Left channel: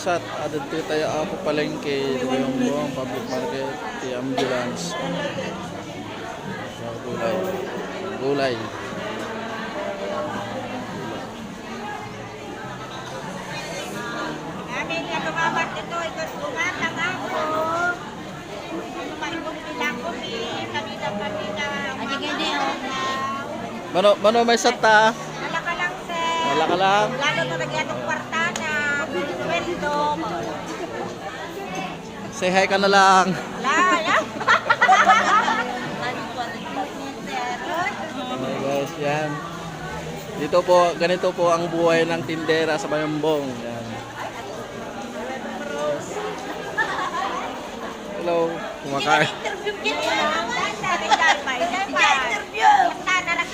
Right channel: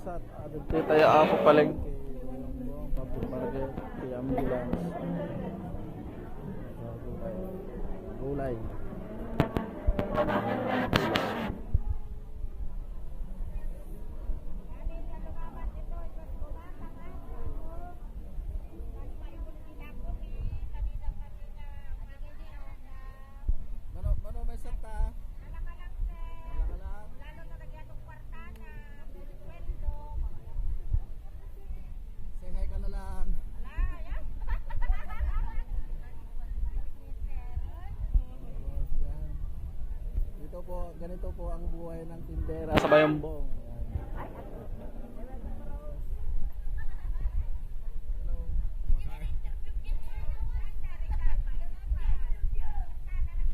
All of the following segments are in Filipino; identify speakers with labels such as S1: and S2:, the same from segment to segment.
S1: kabsat. Adad tayo tayo ako palengke. Yung buong public market. Di ambulance. Gulay. Gulay. Mano, mano may sata.
S2: Wala ka lang, sir.
S1: Wala ka lang.
S2: Lalo na nagyan ng kwartana. Sweldo.
S1: Say hi ka na lang.
S2: Wala, ya.
S1: Okay guys, yan. Dito po, ganito po ang buhay ng tindera sa Bayambong. Yan. Hello, kumakain.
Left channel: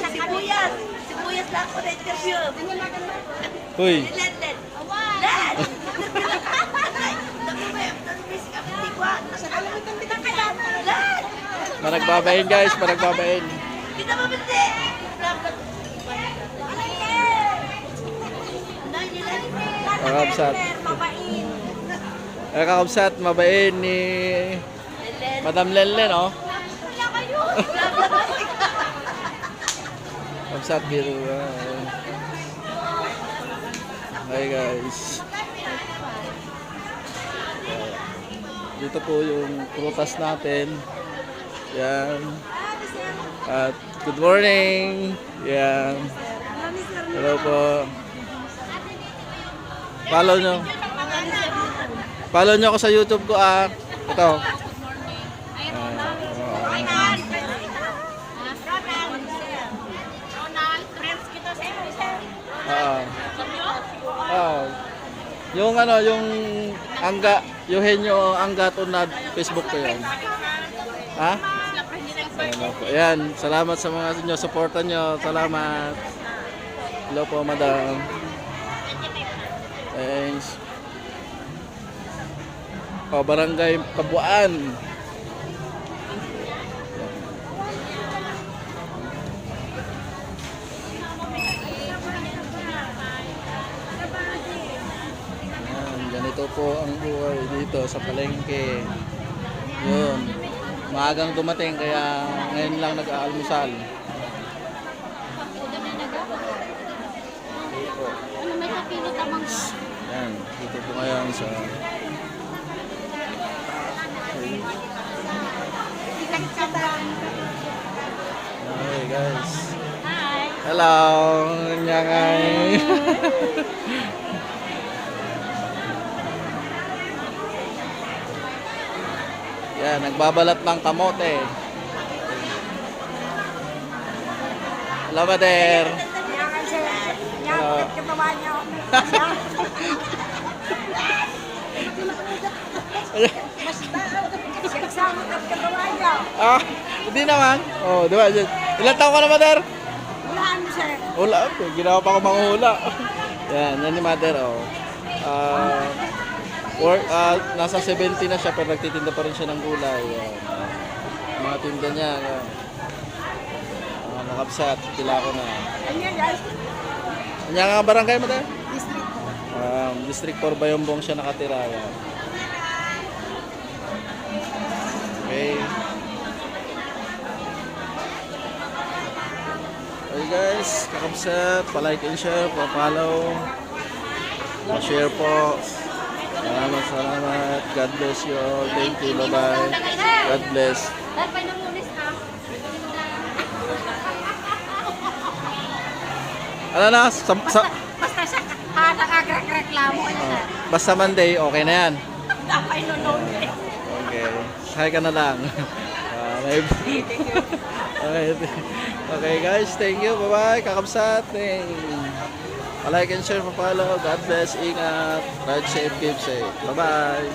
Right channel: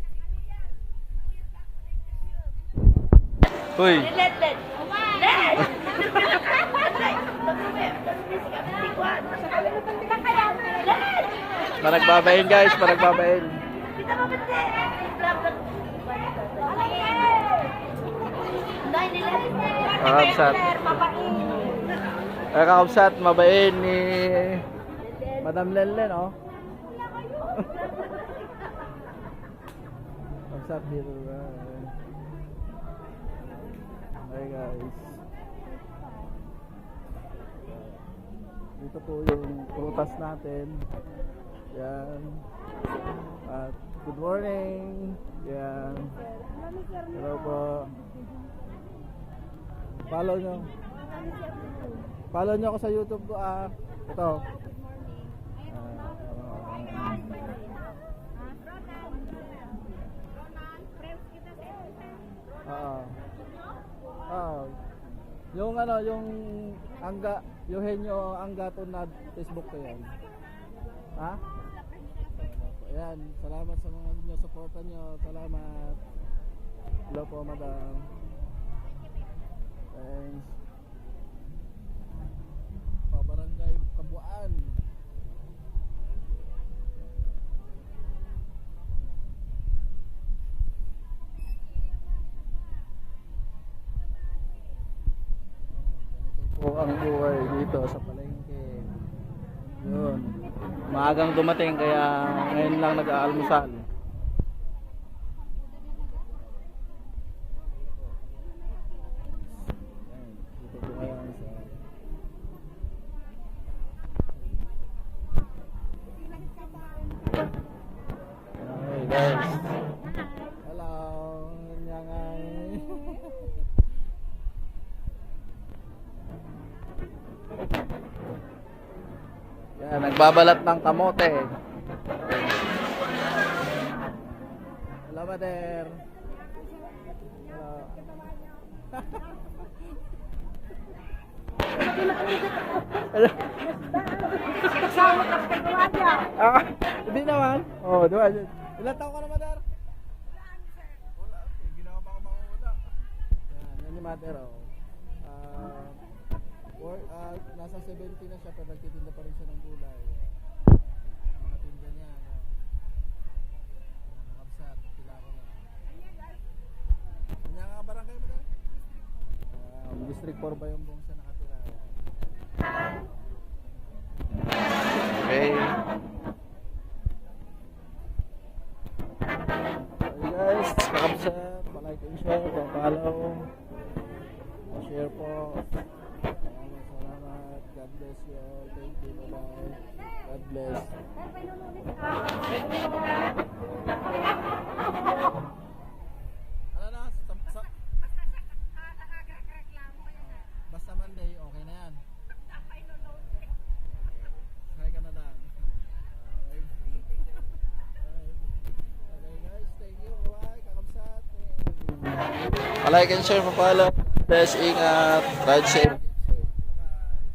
S2: Sibuyas. Sibuyas lang ako na interview.
S1: Hoy,
S2: Lenden.
S1: maragbabain guys, maragbabain.
S2: Kita mabindi.
S1: Kakabsat. Ay, kakabsat, mabain ni Madam Lenlen, oh. Kakabsat ah. Hi guys. Dito po yung prutas natin. Yan. At good morning. Yan. Hello po. Follow nyo. Follow nyo ako sa YouTube ko ah. Ito. Ah. Ah. Yung ano, yung Angga, Eugenio Angga Tunad, Facebook ko yan. Ha? Ayan, salamat sa mga inyo, supportan nyo. Salamat. Hello po, madam. Thanks. O, barangay Kabuan. Ganito po ang buhay dito sa palengke. Yun. Maagang dumating kaya ngayon lang nag-aalmusal. Yan, dito po ngayon sa Hi guys. Hello, nyangay. Yan, nagbabalat ng kamote. Hello, Mader. Hello. Ah, hindi naman. Oh, di ba? Ilan taon ka na, Mader? Hula. Okay, ginawa pa ako manghula. Yan, yan ni Mother, oh. Ah, work, ah, nasa 70 na siya pero nagtitinda pa rin siya ng gulay. Yan. Mga tinda niya. Yan. Ah, nakapsat, tila ko na. Kanya nga barangay mo tayo? Um, District 4 Bayombong siya nakatira. Yan. Okay. Okay guys, kakabsat, palike and share, pa-follow, pa-share po. Salamat, salamat. God bless you all. Thank you. Bye-bye. God bless. Ano na? Sa, sa,
S2: Basta siya, ha, nakagreklamo niya.
S1: basta Monday, okay na yan.
S2: Dapat nunod eh.
S1: Okay. Hi ka na lang. Ah, may... okay. okay guys, thank you. Bye-bye. Kakabsat. Like and share, follow. God bless. Ingat. Ride safe, keep safe. Bye-bye.